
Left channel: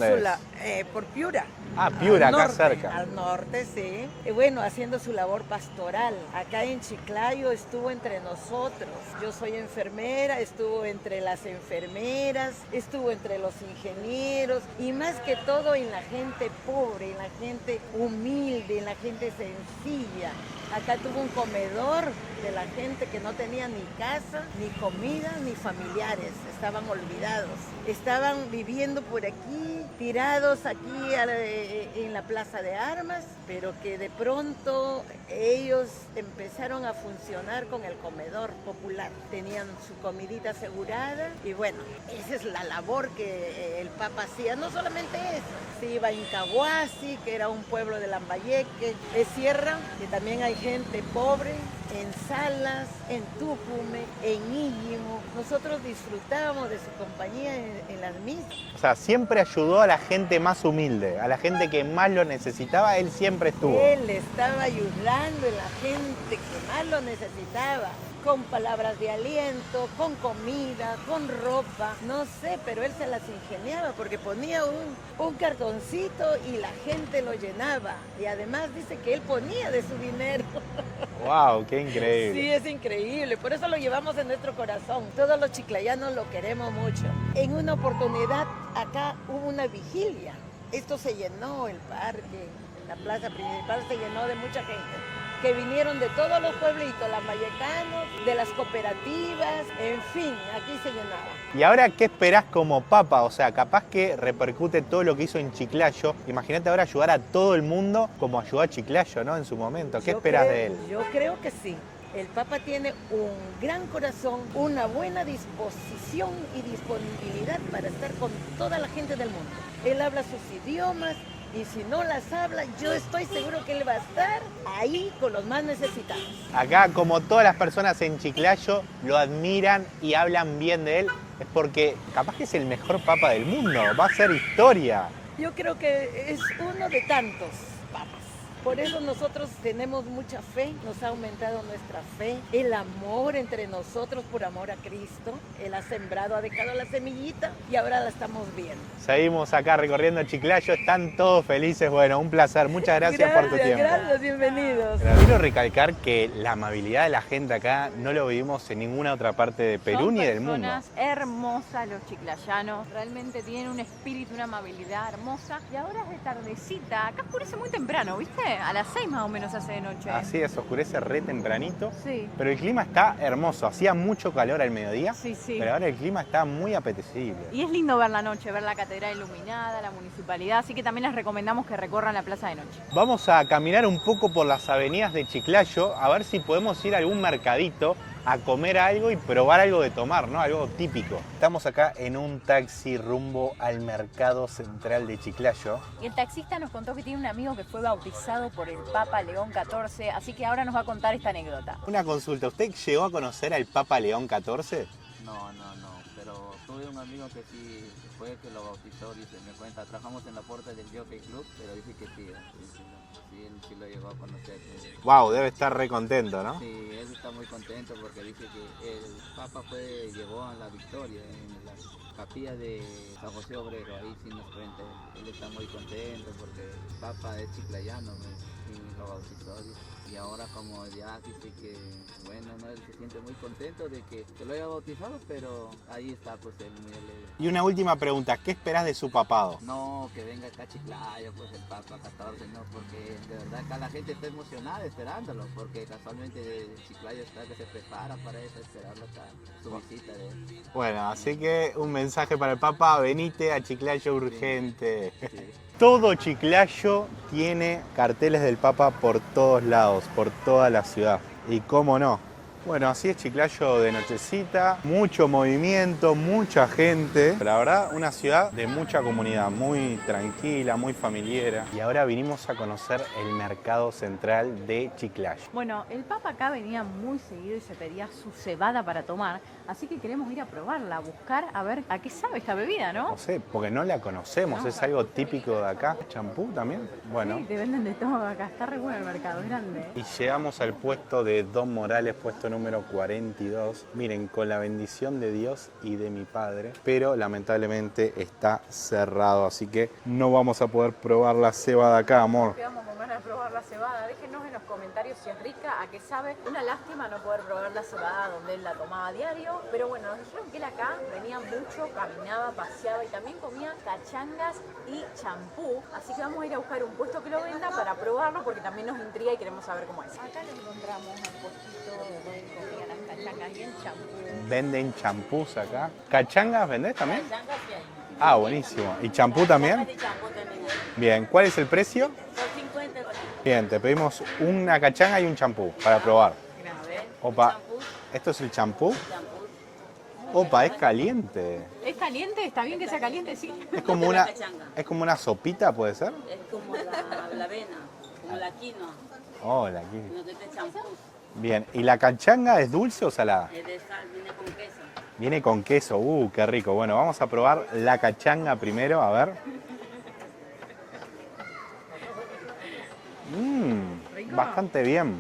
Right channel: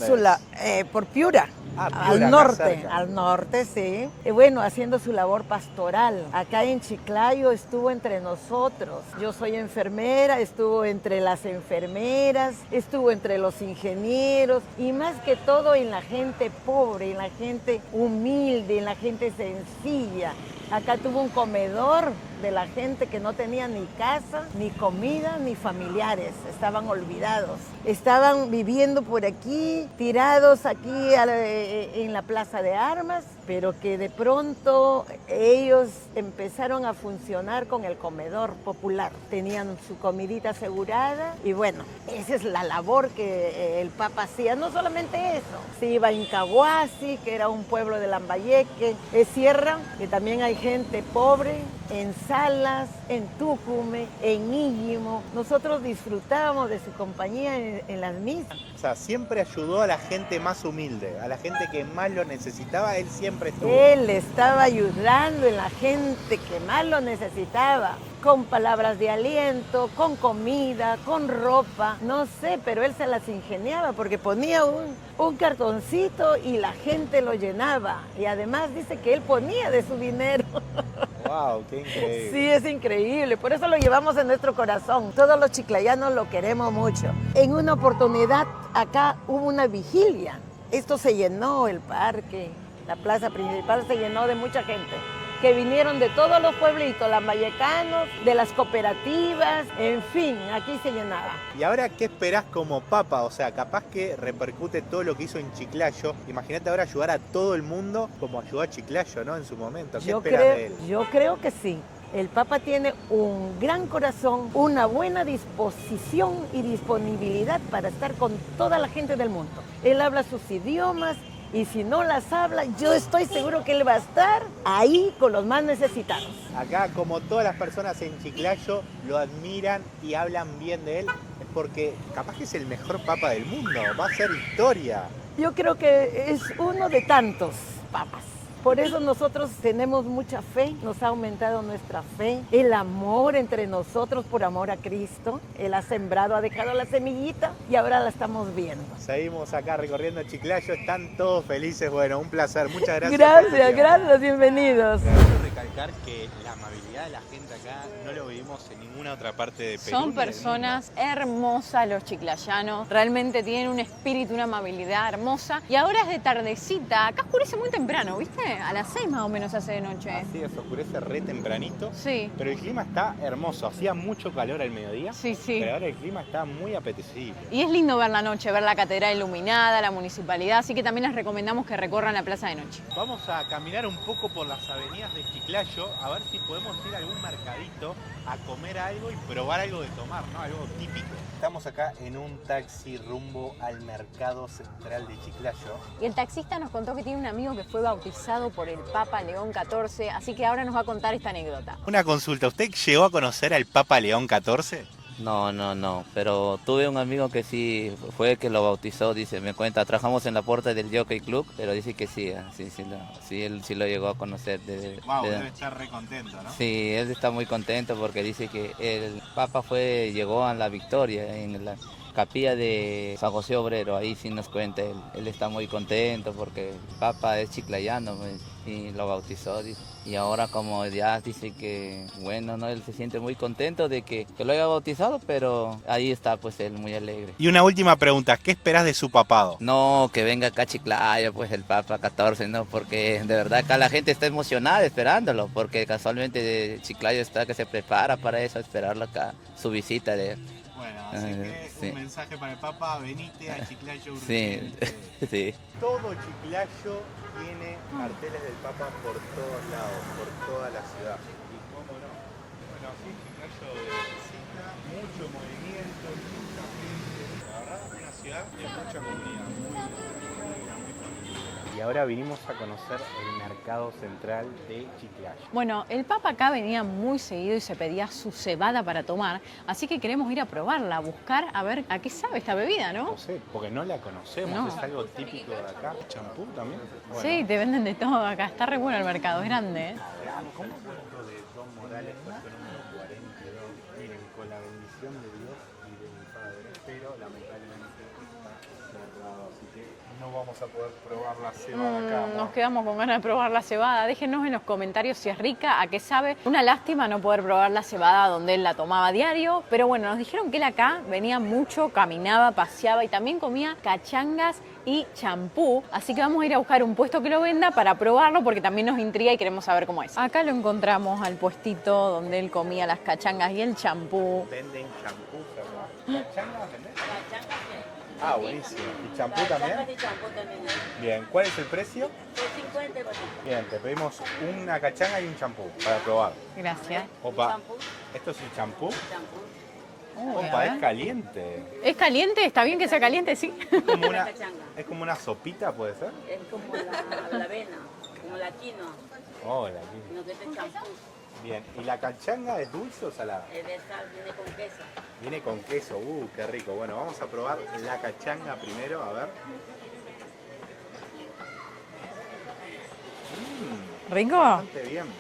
por Piura. Ah, Piura, acá cerca. Al norte, sí. Y bueno, haciendo su labor pastoral. Acá en Chiclayo estuvo entre nosotros. Yo soy enfermera, estuvo entre las enfermeras, estuvo entre los ingenieros y más que todo en la gente pobre, en la gente humilde, en la gente sencilla. Acá tuvo un comedor de la gente que no tenía ni casa, ni comida, ni familiares. Estaban olvidados. Estaban viviendo por aquí, tirados aquí en la Plaza de Armas, pero que de pronto ellos empezaron a funcionar con el comedor popular. Tenían su comidita asegurada y bueno, esa es la labor que el Papa hacía. No solamente eso, se iba a Incahuasi, que era un pueblo de Lambayeque, es Sierra, que también hay gente pobre, en Salas, en Tucume, en Íñimo. Nosotros disfrutábamos de su compañía en las misas. O sea, siempre ayudó a la gente más humilde, a la gente que más lo necesitaba, él siempre estuvo. Él estaba ayudando en la gente que más lo necesitaba, con palabras de aliento, con comida, con ropa, no sé, pero él se las ingeniaba porque ponía un cartoncito y la gente lo llenaba. Y además dice que él ponía de su dinero. ¡Wow! ¡Qué increíble! Sí, es increíble. Por eso lo llevamos en nuestro corazón. Todos los chiclayanos lo queremos mucho. En una oportunidad acá hubo una vigilia. Esto se llenó el parque, la plaza principal se llenó de mucha gente que vinieron de todos los pueblitos, lambayecanos, de las cooperativas, en fin, aquí se llenaba. ¿Y ahora qué esperás como Papa? O sea, capaz que repercute todo lo que hizo en Chiclayo. Imagínate ahora ayudar a todo el mundo como ayudó a Chiclayo, ¿no? En su momento. ¿Qué esperás de él? Yo creo que sí. El Papa tiene un gran corazón, una buena disposición y disponibilidad para estar con toda la gente del mundo. Él habla sus idiomas. Y si no las habla, yo estoy seguro que él va a estar ahí con los más necesitados. Acá, como todas las personas en Chiclayo lo admiran y hablan bien de él, es porque capaz que es el mejor papa del mundo, va a ser historia. Yo creo que es uno de tantos papas. Por eso nosotros tenemos mucha fe, nos ha aumentado nuestra fe, el amor entre nosotros por amor a Cristo. Él ha sembrado, ha dejado la semillita y ahora la estamos viendo. Seguimos acá recorriendo Chiclayo, están todos felices. Bueno, un placer, muchas gracias por tu tiempo. Gracias, bienvenidos. Quiero recalcar que la amabilidad de la gente acá no lo vivimos en ninguna otra parte de Perú ni del mundo. Son personas hermosas los chiclayanos, realmente tienen un espíritu, una amabilidad hermosa. Y ahora es de tardecita, acá oscurece muy temprano, ¿viste? A las 6 más o menos hace de noche. Así es, oscurece re tempranito. Sí. Pero el clima está hermoso. Hacía mucho calor al mediodía. Sí, sí. Pero ahora el clima está muy apetecible. Y es lindo ver la noche, ver la catedral iluminada, la municipalidad. Así que también les recomendamos que recorran la plaza de noche. Vamos a caminar un poco por las avenidas de Chiclayo a ver si podemos ir a algún mercadito a comer algo y probar algo de tomar, ¿no? Algo típico. Estamos acá en un taxi rumbo al mercado central de Chiclayo. Y el taxista nos contó que tiene un amigo que fue bautizado por el Papa León XIV, así que ahora nos va a contar esta anécdota. Una consulta, ¿usted llegó a conocer al Papa León XIV? No, pero tuve un amigo que sí fue el que lo bautizó, dice, me cuenta, trabajamos en la puerta del Jockey Club, pero dice que sí, él sí lo llegó a conocer. Wow, debe estar re contento, ¿no? Sí, él está muy contento porque dice que el Papa llegó a la Victoria en la capilla de San José Obrero, ahí sí nos cuenta él está muy contento porque el Papa es chiclayano y lo bautizó, dice. Y ahora como ya dice que, bueno, ¿no? Él se siente muy contento de que lo haya bautizado, pero ahí está pues él muy alegre. Y una última pregunta, ¿qué esperás de su papado? No, que venga acá a Chiclayo, pues el Papa 14, ¿no? Porque de verdad acá la gente está emocionada esperándolo, porque casualmente Chiclayo está que se prepara para eso, esperarlo acá, su visita de él. Bueno, así que sí. Un mensaje para el Papa, venite a Chiclayo urgente. Sí. Todo Chiclayo tiene carteles del Papa por todos lados, por toda la ciudad. Y cómo no. Bueno, así es Chiclayo de nochecita, mucho movimiento, mucha gente. La verdad, una ciudad de mucha comunidad, muy tranquila, muy familiera. Y ahora vinimos a conocer el mercado central de Chiclayo. Bueno, el Papa acá venía muy seguido y se pedía su cebada para tomar, así que queremos ir a probarla, a buscar a ver a qué sabe esta bebida, ¿no? No sé, porque no la conocemos, No. es algo típico de acá. ¿Champú también? Bueno. Sí, te venden de todo acá, está re bueno el mercado, es grande. Y llegamos al puesto de Don Morales, puesto número 42. Miren, con la bendición de Dios y de mi padre, pero lamentablemente está cerrado, así que no vamos a poder probar la cebada acá, amor. Nos quedamos con ganas de probar la cebada. Déjenos en los comentarios si es rica, a qué sabe. Una lástima no poder probar la cebada donde él la tomaba a diario, pero bueno, nos dijeron que él acá venía mucho, caminaba, paseaba y también comía cachangas y champú. Así que vamos a ir a buscar un puesto que lo venda para probarlo porque también nos intriga y queremos saber cómo es. Acá lo encontramos al puestito donde él comía las cachangas y el champú. Venden champús acá. ¿Cachangas vendés también? Ah, buenísimo. ¿Y champú también? Bien, ¿cuál es el precio? Bien, te pedimos una cachanga y un champú para probar. Gracias. Opa, ¿esto es el champú? Opa, es caliente. ¿Es caliente? ¿Está bien que sea caliente? Sí. Es como una sopita, ¿puede ser? Es como la avena, como la quinoa. Oh, la quinoa. Lo que te champú. Bien, ¿y la cachanga es dulce o salada? Es de sal, viene con queso. Viene con queso, qué rico. Bueno, vamos a probar la cachanga primero, a ver. ¿Rico? Bastante bien.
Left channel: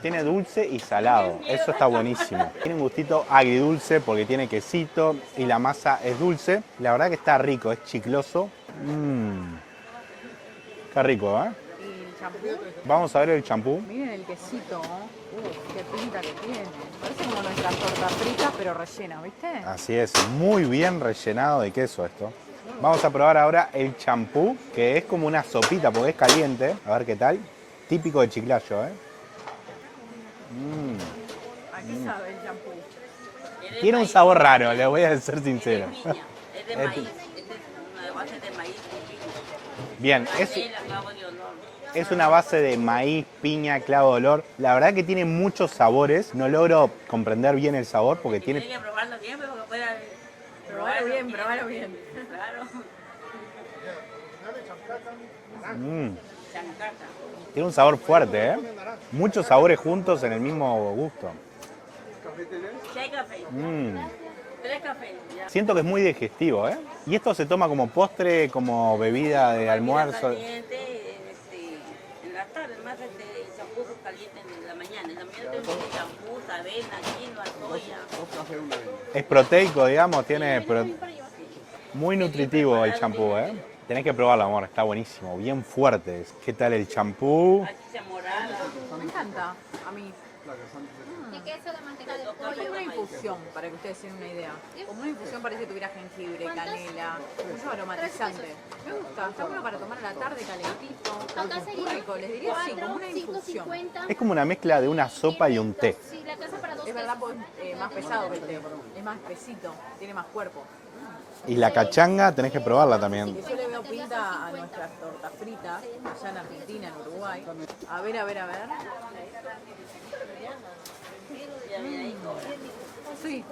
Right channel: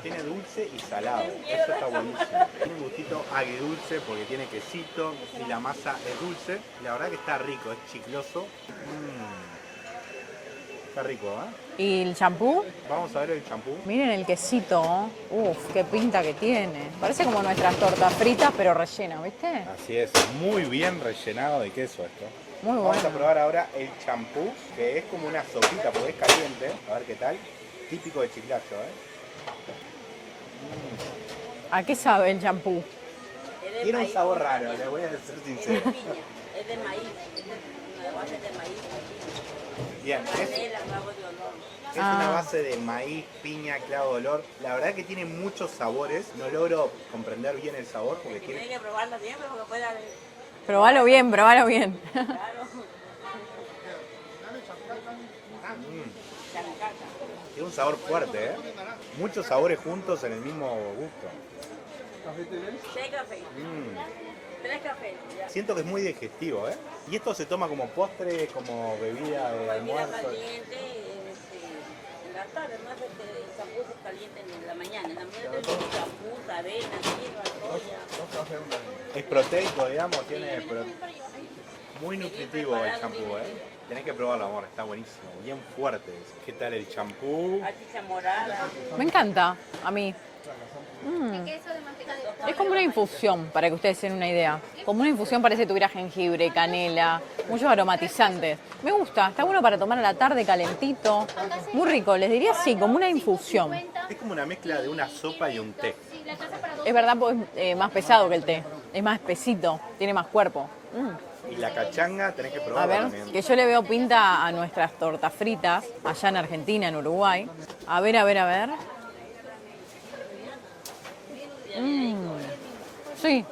Tiene dulce y salado, eso está buenísimo. Tiene un gustito agridulce porque tiene quesito y la masa es dulce. La verdad que está rico, es chicloso. Está rico, ¿eh? ¿Y el champú? Vamos a ver el champú. Miren el quesito. Uf, qué pinta que tiene. Parece como nuestras tortas fritas, pero rellenas, ¿viste? Así es, muy bien rellenado de queso esto. Muy bueno. Vamos a probar ahora el champú, que es como una sopita porque es caliente. A ver qué tal. Típico de Chiclayo, ¿eh? ¿A qué sabe el champú? Tiene un sabor raro, le voy a ser sincero. Es de maíz, es una base de maíz. Bien, es una base de maíz, piña, clavo de olor. La verdad que tiene muchos sabores. No logro comprender bien el sabor porque tiene... Tiene que probarlo bien, pero que pueda... Probalo bien, probalo bien. Tiene un sabor fuerte, ¿eh? Muchos sabores juntos en el mismo gusto. 6 cafés. 3 cafés. Ya. Siento que es muy digestivo, ¿eh? Y esto se toma como postre, como bebida de almuerzo. Caliente, en la tarde, más champú caliente en la mañana. En la mañana tenemos champú, avena, quinoa, soya. Es proteico, digamos, muy nutritivo el champú, ¿eh? Tenés que probarlo, amor, está buenísimo, bien fuerte. ¿Qué tal el champú? Me encanta, a mí. Es como una infusión, para que ustedes tengan una idea. Como una infusión parece que tuviera jengibre, canela, muchos aromatizantes. Me gusta, está bueno para tomar a la tarde calentito. Muy rico, les diría sí, como una infusión. Es como una mezcla de una sopa y un té. Es verdad, pues es más pesado que el té. Es más espesito, tiene más cuerpo. Y la cachanga tenés que probarla también. Que yo le veo pinta a nuestras tortas fritas, allá en Argentina, en Uruguay. A ver. Sí,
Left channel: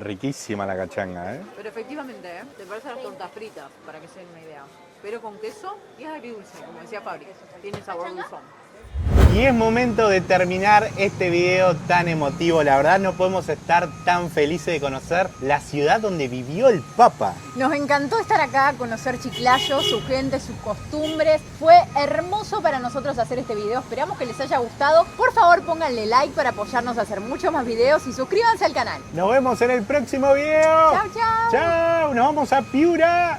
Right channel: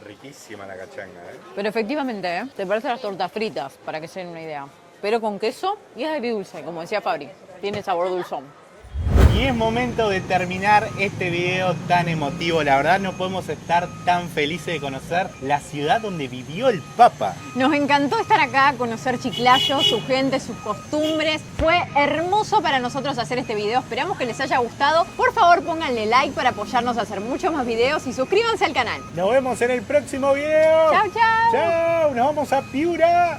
Riquísima la cachanga, ¿eh? pero efectivamente, ¿eh? Te parecen las tortas fritas, para que se den una idea. Pero con queso y es agridulce, como decía Fabri. Tiene sabor dulzón. Y es momento de terminar este video tan emotivo. La verdad no podemos estar tan felices de conocer la ciudad donde vivió el Papa. Nos encantó estar acá, conocer Chiclayo, su gente, sus costumbres. Fue hermoso para nosotros hacer este video. Esperamos que les haya gustado. Por favor, pónganle like para apoyarnos a hacer muchos más videos y suscríbanse al canal. Nos vemos en el próximo video. Chau, chau. Chau, nos vamos a Piura.